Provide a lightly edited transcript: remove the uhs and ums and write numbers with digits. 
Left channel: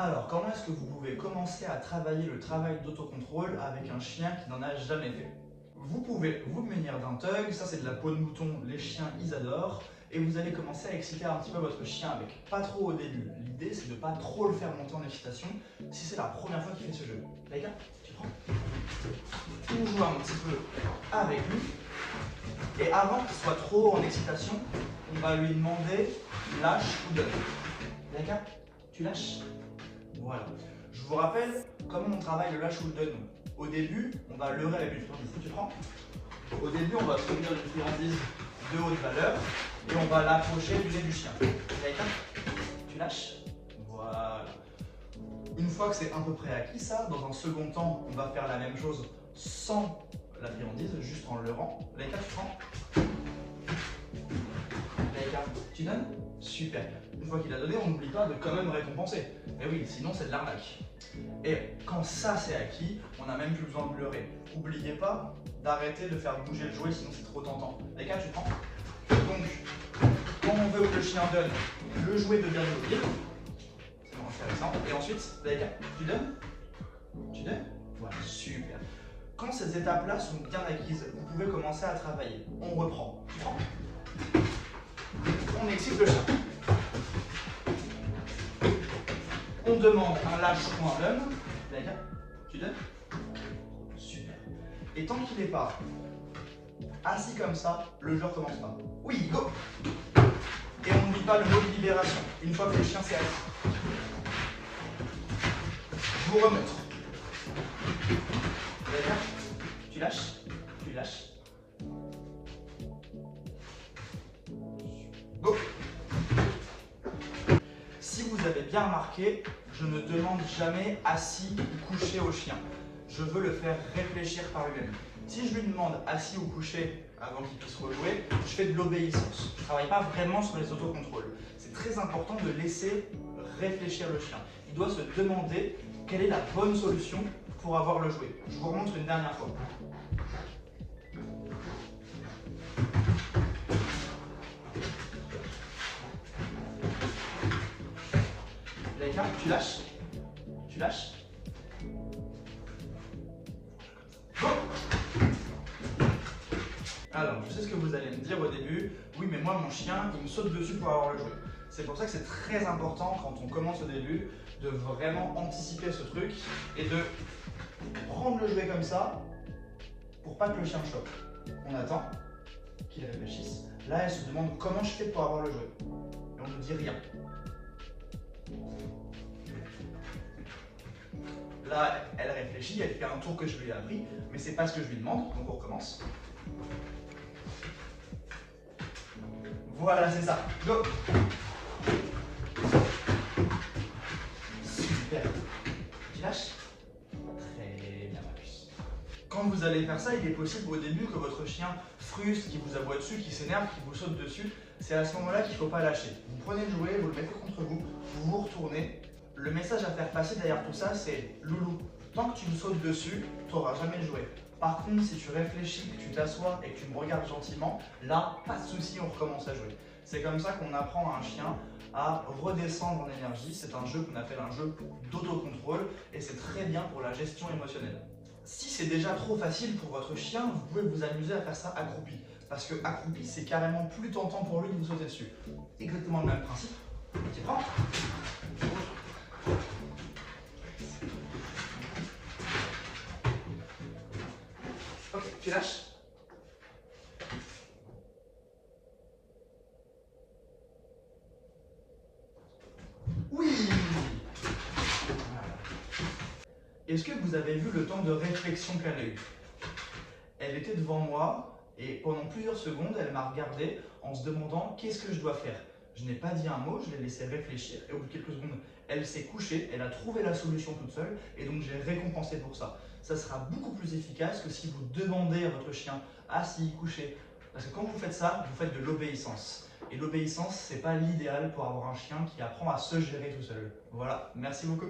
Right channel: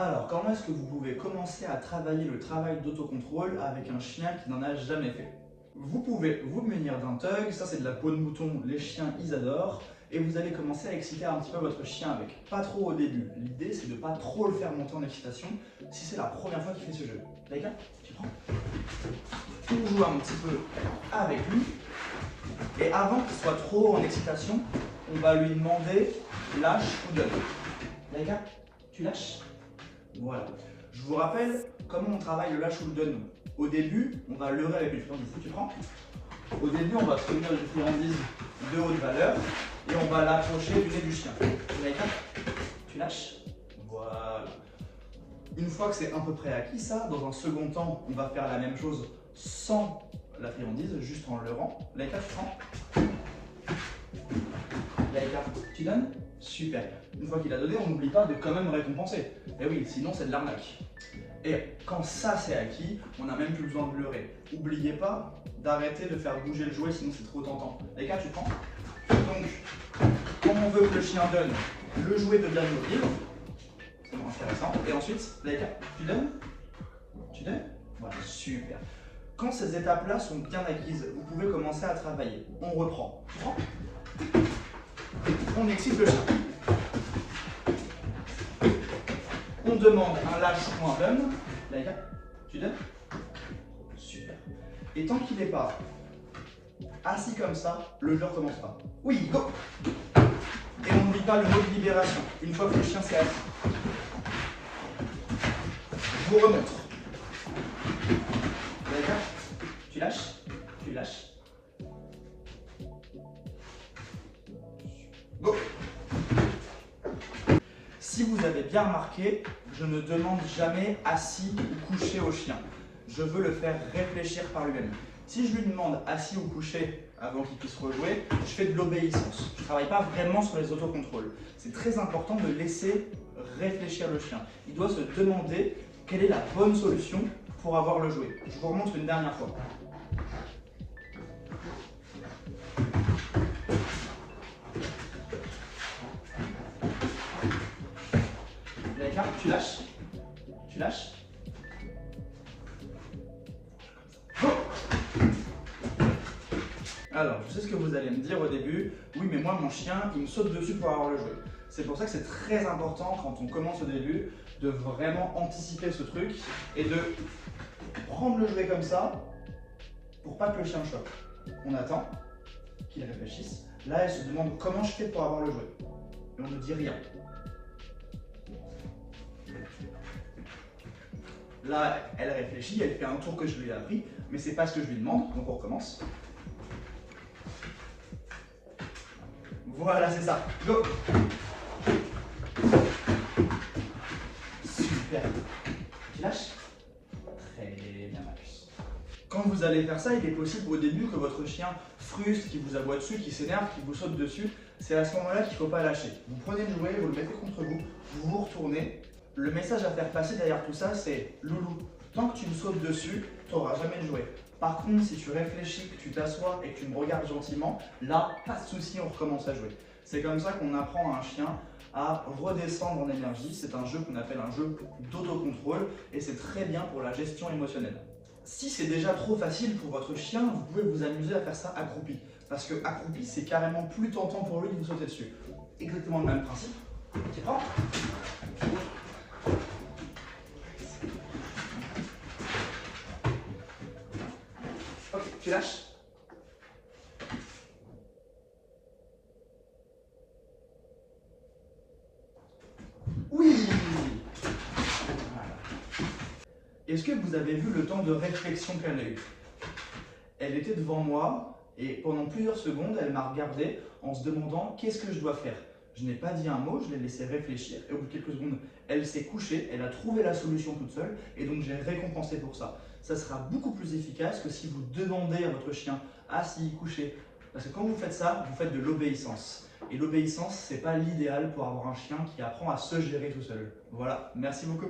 Alors, comment est-ce que vous pouvez commencer à travailler le travail d'autocontrôle avec un chien qui n'en a jamais fait? Vous pouvez vous munir d'un tug, ça c'est de la peau de mouton, les chiens ils adorent, et vous allez commencer à exciter un petit peu votre chien avec. Pas trop au début, l'idée c'est de ne pas trop le faire monter en excitation si c'est la première fois qu'il fait ce jeu. D'accord? Tu prends? On joue un petit peu avec lui, et avant qu'il soit trop en excitation, on va lui demander lâche ou donne. D'accord? Tu lâches? Voilà. Je vous rappelle comment on travaille le lâche ou le donne. Au début, on va leurrer avec une friandise. Tu prends? Au début, on va obtenir une friandise de haute valeur et on va l'approcher du nez du chien. D'accord? Tu lâches? Voilà. Une fois que c'est à peu près acquis ça, dans un second temps, on va faire la même chose sans la friandise, juste en leurrant. D'accord? Tu prends? D'accord. Tu donnes? Super. Une fois qu'il a donné, on n'oublie pas de quand même récompenser. Et oui, sinon c'est de l'arnaque. Et quand ça c'est acquis, on n'a même plus besoin de leurrer. N'oubliez pas d'arrêter de faire bouger le jouet, sinon c'est trop tentant. D'accord, tu prends? Donc, quand on veut que le chien donne, le jouet devient immobile. C'est intéressant. Et ensuite, d'accord, tu donnes? Tu donnes? Voilà, super. Quand ces étapes-là sont bien acquises, vous pouvez commencer à travailler. On reprend. Tu prends? On excite le chien. On demande un lâche ou un donne. D'accord? Tu donnes? Super. Et tant qu'il n'est pas assis comme ça, le jeu recommence pas. Oui, go! Et on n'oublie pas le mot de libération. Une fois que le chien s'est assis. Je vous remonte. D'accord? Tu lâches? Tu lâches. Go! Si vous avez bien remarqué, je ne demande jamais assis ou couché au chien. Je veux le faire réfléchir par lui-même. Si je lui demande assis ou couché avant qu'il puisse rejouer, je fais de l'obéissance. Je ne travaille pas vraiment sur les autocontrôles. C'est très important de laisser réfléchir le chien. Il doit se demander quelle est la bonne solution pour avoir le jouet. Je vous remontre une dernière fois. Tu lâches? Tu lâches? Alors, je sais ce que vous allez me dire au début. Oui, mais moi, mon chien, il me saute dessus pour avoir le jouet. C'est pour ça que c'est très important, quand on commence au début, de vraiment anticiper ce truc et de prendre le jouet comme ça pour pas que le chien choque. On attend qu'il réfléchisse. Là, il se demande comment je fais pour avoir le jouet. Et on ne dit rien. Là, elle réfléchit, elle fait un tour que je lui ai appris, mais c'est pas ce que je lui demande, donc on recommence. Voilà, c'est ça. Go! Super. Tu lâches? Très bien, ma puce. Quand vous allez faire ça, il est possible au début que votre chien frustre, qui vous aboie dessus, qui s'énerve, qui vous saute dessus. C'est à ce moment-là qu'il ne faut pas lâcher. Vous prenez le jouet, vous le mettez contre vous, vous vous retournez. Le message à faire passer derrière tout ça, c'est loulou, tant que tu me sautes dessus, tu n'auras jamais le jouet. Par contre, si tu réfléchis, que tu t'assois et que tu me regardes gentiment, là, pas de souci, on recommence à jouer. C'est comme ça qu'on apprend à un chien à redescendre en énergie. C'est un jeu qu'on appelle un jeu d'autocontrôle et c'est très bien pour la gestion émotionnelle. Si c'est déjà trop facile pour votre chien, vous pouvez vous amuser à faire ça accroupi. Parce que accroupi, c'est carrément plus tentant pour lui de vous sauter dessus. Exactement le même principe. Tu prends? Tu lâches? Oui! Voilà. Est-ce que vous avez vu le temps de réflexion qu'elle a eu? Elle était devant moi et pendant plusieurs secondes, elle m'a regardé en se demandant qu'est-ce que je dois faire. Je n'ai pas dit un mot, je l'ai laissé réfléchir et au bout de quelques secondes, elle s'est couchée, elle a trouvé la solution toute seule et donc j'ai récompensé pour ça. Ça sera beaucoup plus efficace que si vous demandez à votre chien assis, couché. Parce que quand vous faites ça, vous faites de l'obéissance. Et l'obéissance, ce n'est pas l'idéal pour avoir un chien qui apprend à se gérer tout seul. Voilà, merci beaucoup.